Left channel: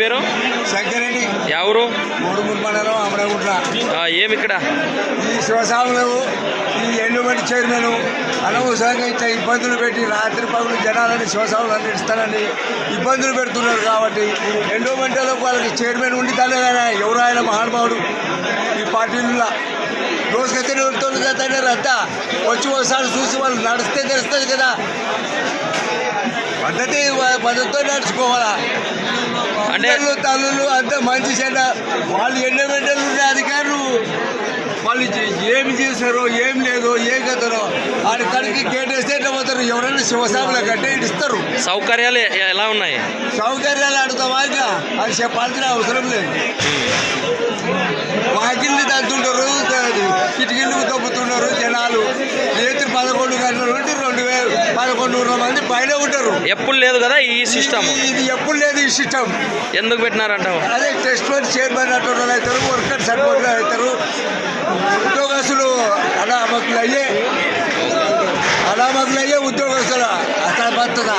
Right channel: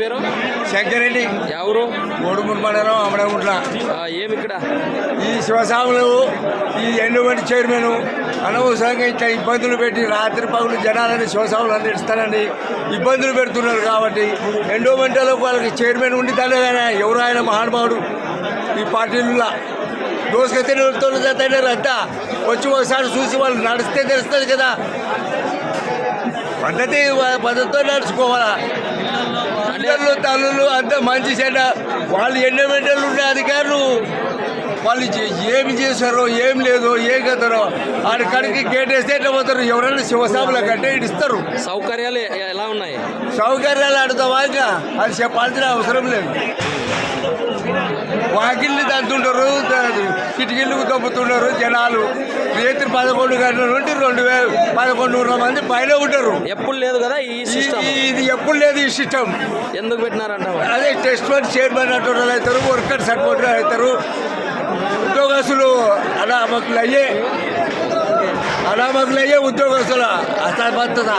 పేరు? శంకరెడ్డి. ఎవరు? మూడుమూడు మండలం అమరగుంట్ల. ఏమి ఇక్కడ ఈ శివస్వాములు ఈ ఎండోమెంట్ చైర్మన్ అనవసరంగా ఇట్లా ఇబ్బందులు పెట్టి రాత్రి పగులు జనాలని శివస్వాములు అందిస్తానని ఇబ్బందులు పెడుతున్నారు. కాబట్టి ఎండోమెంట్లో వాళ్ళకి చైర్మన్ ఉండి తనే కదా ఎవరు ఆయన మహానుభావుడు ఈ పార్టీలలో రోజుకైతే రద్దా వచ్చి ఒకసారి చూసి వాళ్ళు నడిస్తే తెలుస్తుంది కదా. పద్ధతితో నడుచుకోవాలా. అంటే తల్లులు అంత మంచి చెడ్డ వాళ్ళు ఎండోమెంటలు ఉండే అధికారులు వాళ్ళు ఏమి చేశారో ఏం లేదో ఏం కదరో ఆడి కడికి కేటేస్తే ఎట్లా పోతారు. ఎవరైనా శివసాముల కంటే ఇస్తారు. సౌకర్యాలు ఎలా ఉన్నాయి? సౌకర్యాలు ఆడుతావా ఇంకా అది చెప్పాల్సిన అవసరం లేదు. వాకిళ్ళు తంతుంటారు, కిటికీళ్ళు దొబ్బుతుంటారు జనాలు. రేత్రి 11 గంటల నుండి 1100 మంది పైన ఉంటారు. ఎప్పుడు లేదు కదా ఈ సిస్టమ్. ఇది ఎప్పుడు లేదు ఈ సిస్టమ్. ఎందుకు పెట్టినారంటావు? అదే టెస్ట్ వన్ చైర్మన్ అటువంటి అవుతారు, వర్కర్స్ అటువంటి అవుతారు, ఉద్యోగస్తులు అనామకులు అయ్యే ఉద్యోగస్తుల అసమర్థత.